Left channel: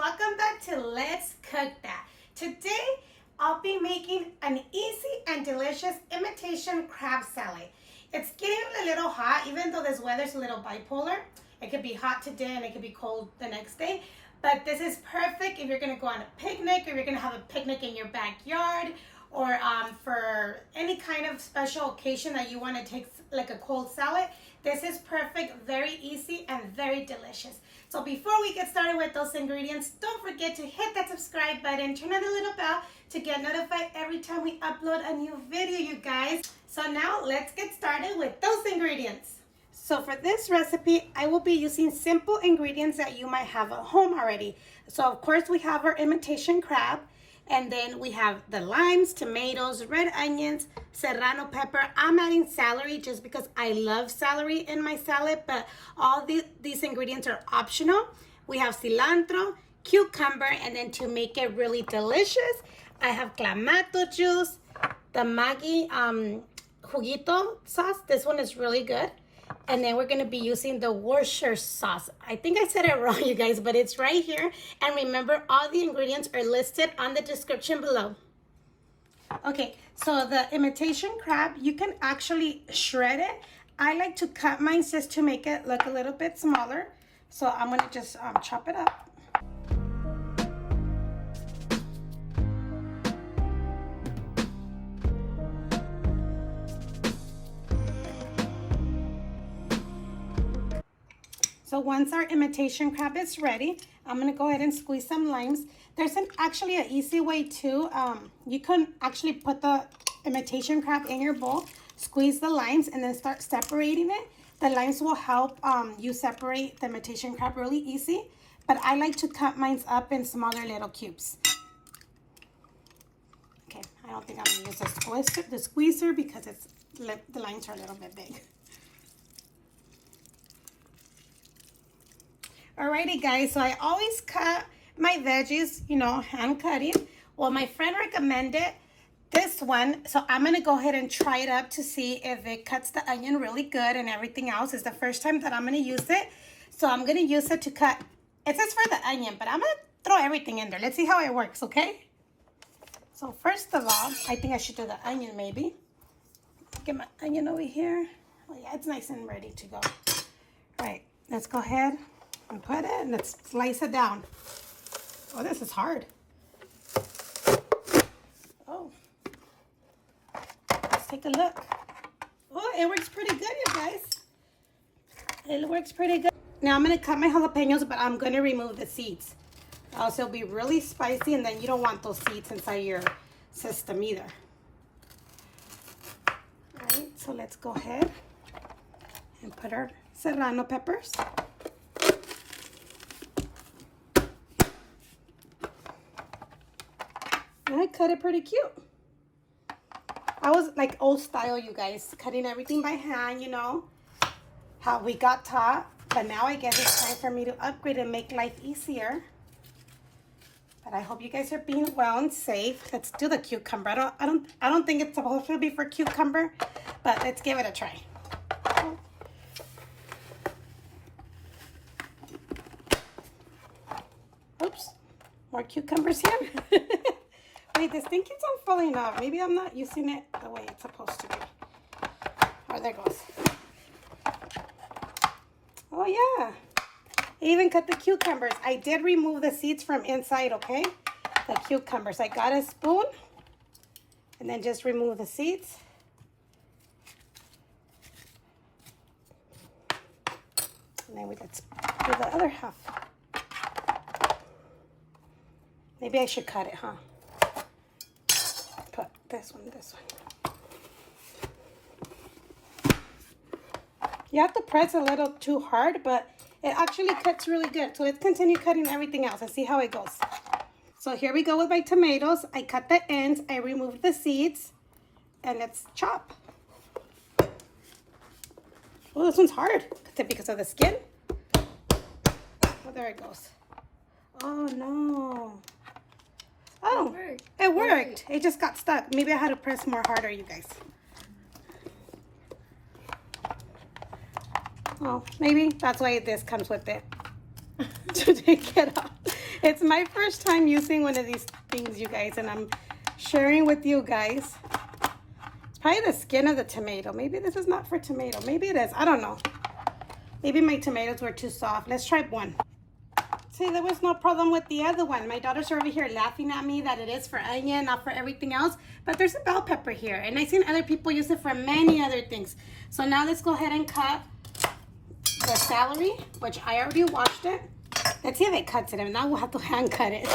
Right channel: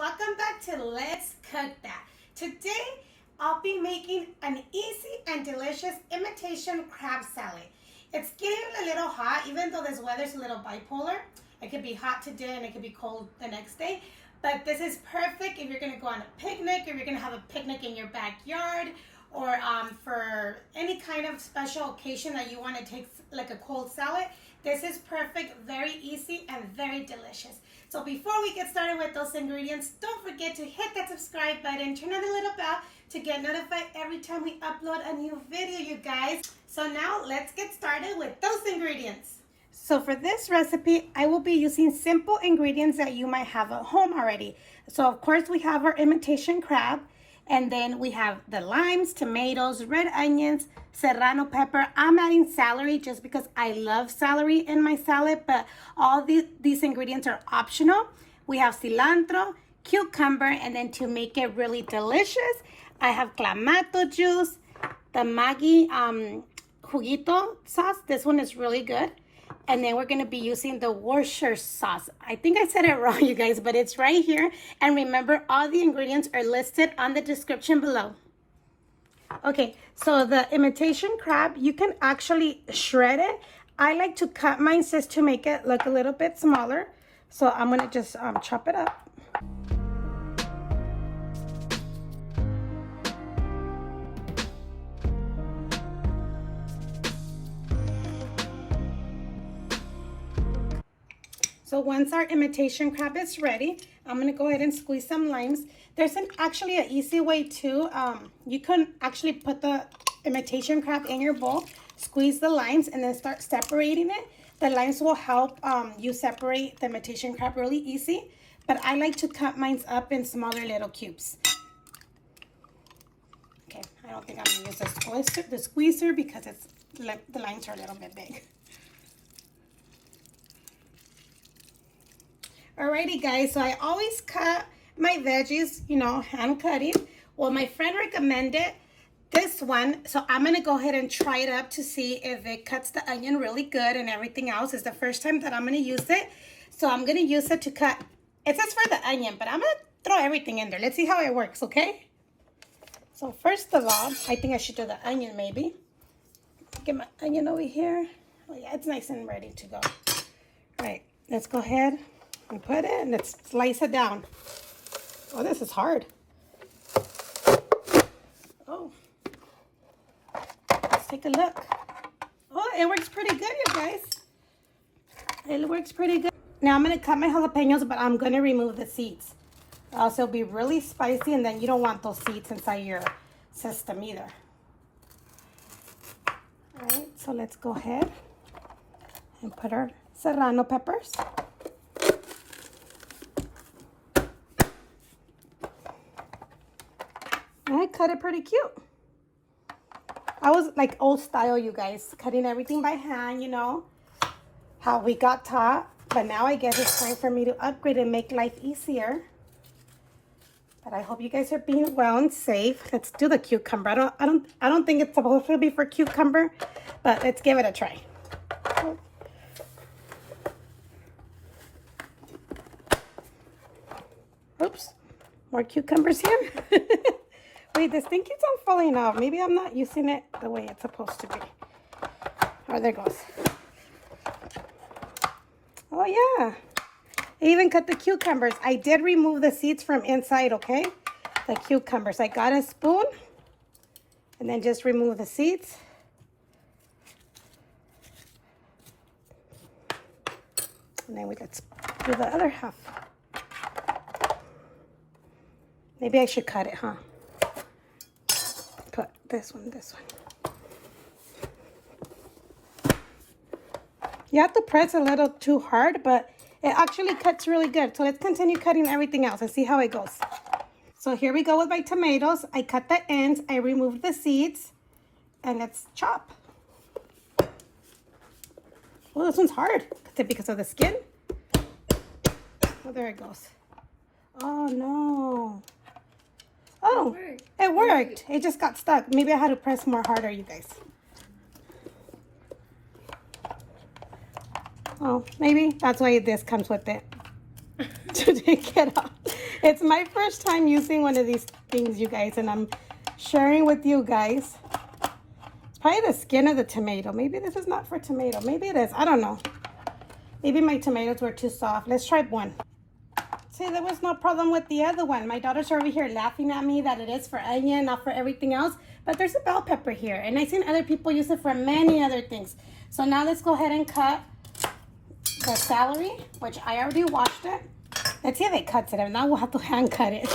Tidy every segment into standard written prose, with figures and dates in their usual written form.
welcome back to Let's Cook That. Today I'll be making an easy and delicious imitation crab salad. It's getting a little hot, even though this weather's a little bipolar. It could be hot today and it could be cold the next day, but this is perfect if you're going to go on a picnic, or you're going to have a picnic in your backyard, or for any kind of special occasion that you want to take like a cold salad. This is perfect, very easy and very delicious. So before we get started with those ingredients, don't forget to hit that subscribe button, turn on the little bell to get notified every time we upload a new video, you guys. So now let's get started with those ingredients. So for this recipe, I will be using simple ingredients that you might have at home already. So of course we have our imitation crab, and then we have the limes, tomatoes, red onions, serrano pepper. I'm adding celery just because I love celery in my salad, but all these ingredients are optional. We have cilantro, cucumber, and then to make it really delicious, I have Clamato juice, the Maggi Juguito sauce. This one is really good. And then we're going to be using the Worcestershire sauce. I think I said it wrong, you guys, but it's right here. And remember, all the ingredients are listed on the description below. Okay, so the imitation crab, you can actually shred it. I like to cut mine just to make it look a little bit smaller. So I'm going to just chop it up. So once our imitation crab is ready, I'm going to go ahead and squeeze some limes. There's actually an easy way too. You can actually put the imitation crab in your bowl, squeeze the limes, and then start separating it. The limes will help you separate the imitation crab really easy. But I like to cut mine up in smaller little cubes. Okay, I don't think I'm going to use the squeezer because the limes are a little bit big. Alrighty guys, so I always cut my veggies, hand cutting. Well, my friend recommended this one, so I'm gonna go ahead and try it up to see if it cuts the onion really good and everything else. It's the first time that I'm gonna use it. So I'm gonna use it to cut, it says for the onion, but I'm gonna throw everything in there. Let's see how it works, okay? So first of all, I think I should do the onion maybe. Get my onion over here. Oh yeah, it's nice and ready to go. All right, let's go ahead and put it, and let's slice it down. Oh, this is hard. Oh, let's take a look. Oh, it works pretty good, you guys. It works pretty good. Now I'm gonna cut my jalapenos, but I'm gonna remove the seeds. Also, it'll be really spicy, and then you don't want those seeds inside your system either. All right, so let's go ahead and put our serrano peppers. I cut it pretty cute. I was like old style, you guys, cutting everything by hand, how we got taught. But now I guess it's time for me to upgrade and make life easier. But I hope you guys are being well and safe. Let's do the cucumber. I don't think it's supposed to be for cucumber, but let's give it a try. Oops, more cucumbers here. Wait, this thing keeps on falling off. Maybe I'm not using it the way it's supposed to be. Oh, there it goes. Oh, yeah. I even cut the cucumbers. I did remove the seeds from inside, okay? The cucumbers. I got a spoon. And then just remove the seeds. And then let's do the other half. Maybe I should cut it, huh? Put this one. You have to press a little too hard, but it actually cuts really good. So let's continue cutting everything else and see how it goes. So here we go with my tomatoes. I cut the ends, I removed the seeds, and let's chop. Oh, this one's hard. Is it because of the skin? Oh, there it goes. Oh, no. Oh, it worked. It just got stuck. Maybe I had to press more harder, you guys. Oh, maybe that's why this comes with it. To take it off. It's my first time using one of these things, you guys, and I'm sharing with you guys. It's probably the skin of the tomato. Maybe this is not for tomato. Maybe it is. I don't know. Maybe my tomatoes were too soft. Let's try one. See, there was no problem with the other one. My daughters are over here laughing at me that it is for onion, not for everything else. But there's a bell pepper here. And I've seen other people use it for many other things. So now let's go ahead and cut the celery, which I already washed it. Let's see if it cuts it. And now we'll have to hand cut it.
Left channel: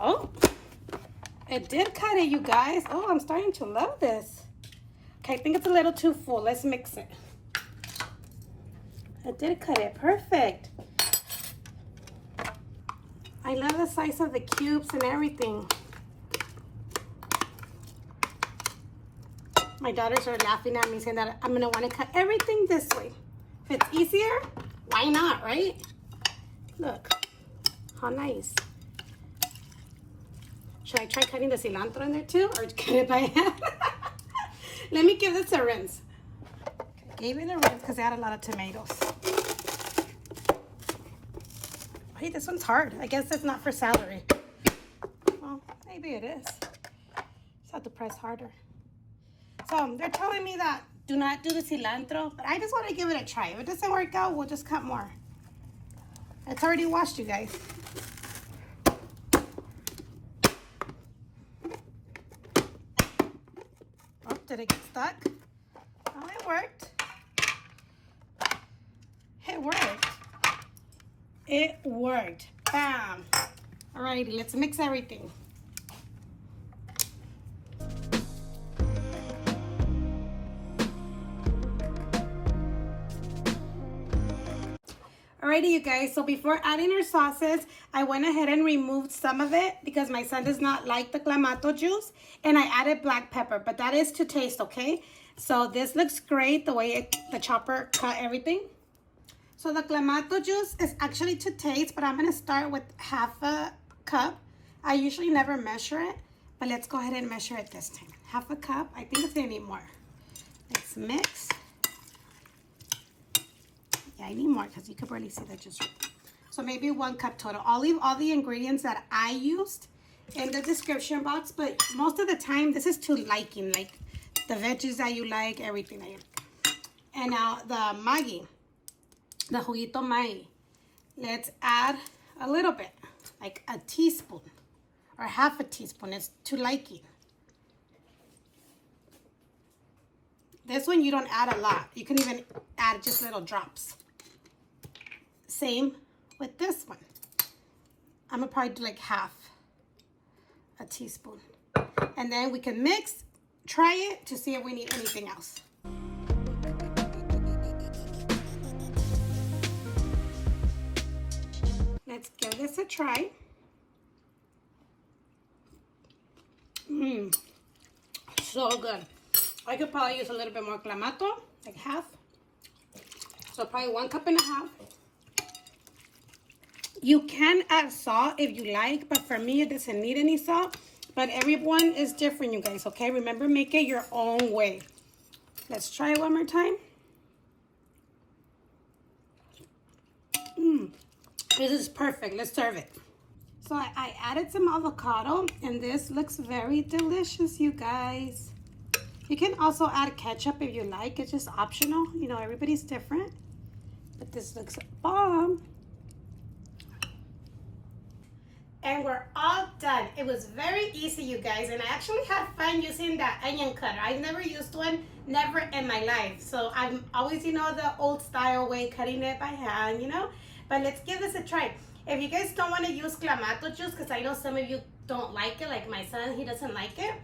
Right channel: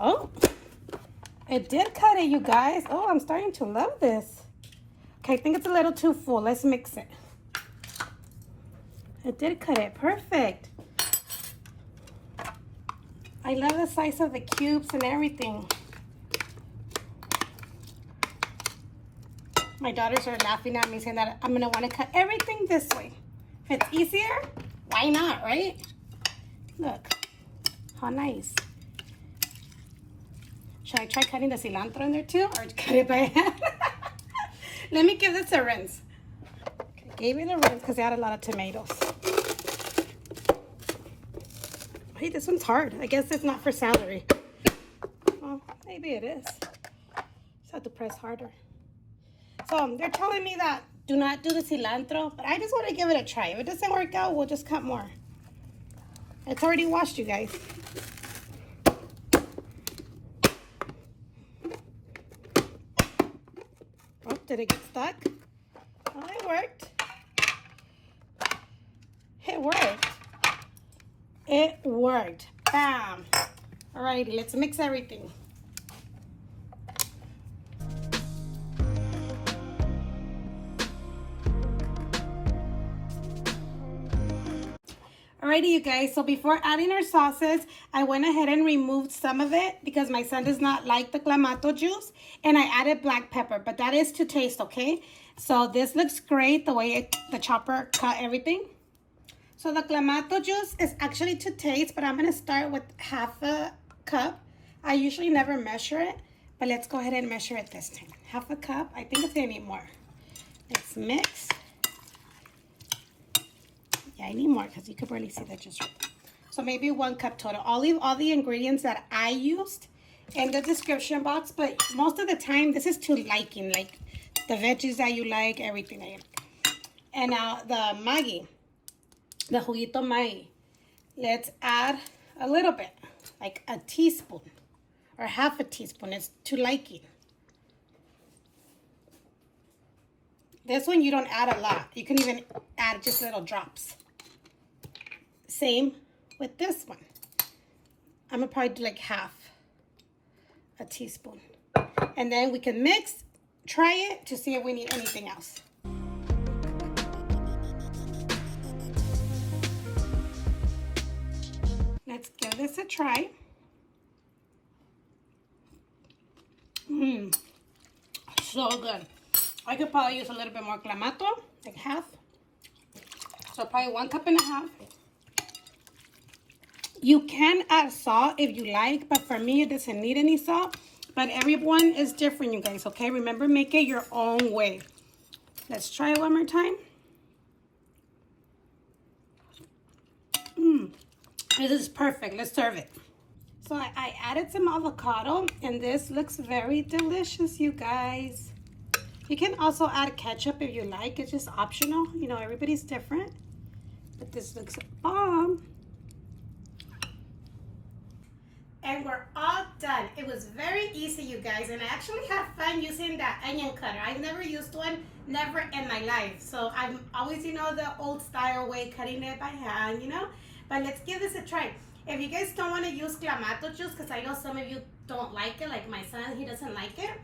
Oh, it did cut it, you guys. Oh, I'm starting to love this. Okay, I think it's a little too full. Let's mix it. It did cut it. Perfect. I love the size of the cubes and everything. My daughters are laughing at me saying that I'm gonna want to cut everything this way. If it's easier, why not, right? Look, how nice. Should I try cutting the cilantro in there too, or cut it by hand? Let me give this a rinse. Gave it a rinse because they had a lot of tomatoes. Hey, this one's hard. I guess it's not for celery. Well, maybe it is. Just have to press harder. So they're telling me that do not do the cilantro, but I just want to give it a try. If it doesn't work out, we'll just cut more. It's already washed, you guys. Oh, did it get stuck? Oh, it worked. It worked. It worked. Bam. Alrighty, let's mix everything. Alrighty, you guys, so before adding our sauces, I went ahead and removed some of it because my son does not like the Clamato juice, and I added black pepper, but that is to taste, okay? So this looks great the way the chopper cut everything. So the Clamato juice is actually to taste, but I'm going to start with half a cup. I usually never measure it, but let's go ahead and measure it this time. Half a cup. I think it's going to need more. Let's mix. Yeah, I need more because you could barely see that just right. So maybe 1 cup total. I'll leave all the ingredients that I used in the description box, but most of the time this is to liking, like the veggies that you like, everything that you like. And now the Maggi, the Juguito Maggi. Let's add a little bit, like a teaspoon or half a teaspoon. It's to liking. This one you don't add a lot. You can even add just little drops. Same with this one. I'm gonna probably do like half a teaspoon. And then we can mix, try it to see if we need anything else. Let's give this a try. So good. I could probably use a little bit more Clamato, like half. So probably 1.5 cups. You can add salt if you like, but for me, it doesn't need any salt. But everyone is different, you guys, okay? Remember, make it your own way. Let's try it one more time. This is perfect. Let's serve it. So I added some avocado, and this looks very delicious, you guys. You can also add ketchup if you like. It's just optional. You know, everybody's different. But this looks bomb. And we're all done. It was very easy, you guys. And I actually had fun using that onion cutter. I've never used one, never in my life. So I'm always, you know, the old style way, cutting it by hand, you know. But let's give this a try. If you guys don't want to use Clamato juice, because I know some of you don't like it, like my son, he doesn't like it.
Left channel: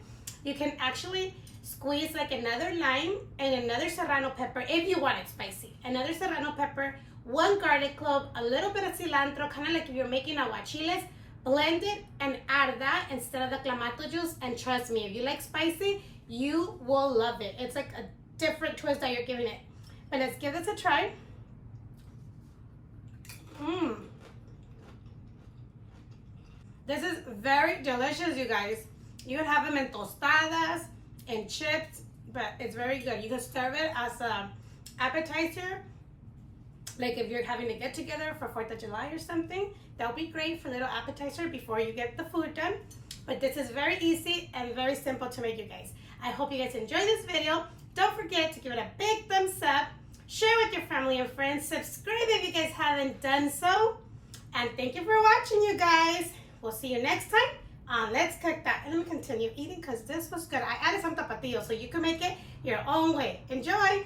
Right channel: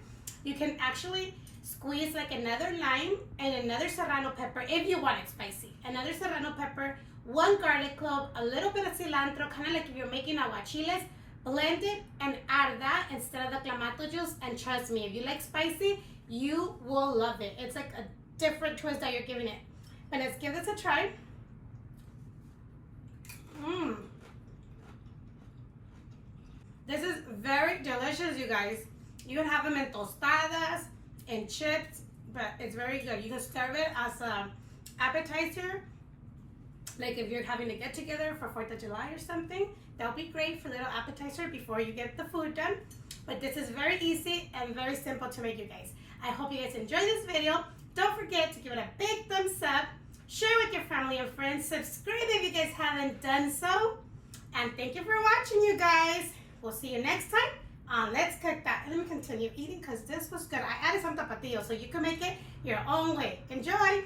You can actually squeeze like another lime and another serrano pepper if you want it spicy. Another serrano pepper, 1 garlic clove, a little bit of cilantro, kind of like if you're making aguachiles. Blend it and add that instead of the Clamato juice. And trust me, if you like spicy, you will love it. It's like a different twist that you're giving it. But let's give this a try. This is very delicious, you guys. You can have them in tostadas and chips, but it's very good. You can serve it as an appetizer. Like if you're having a get together for 4th of July or something, that'll be great for a little appetizer before you get the food done. But this is very easy and very simple to make, you guys. I hope you guys enjoy this video. Don't forget to give it a big thumbs up, share with your family and friends, subscribe if you guys haven't done so, and thank you for watching, you guys. We'll see you next time on Let's Cook That. And let me continue eating because this was good. I added some tapatio so you can make it your own way. Enjoy!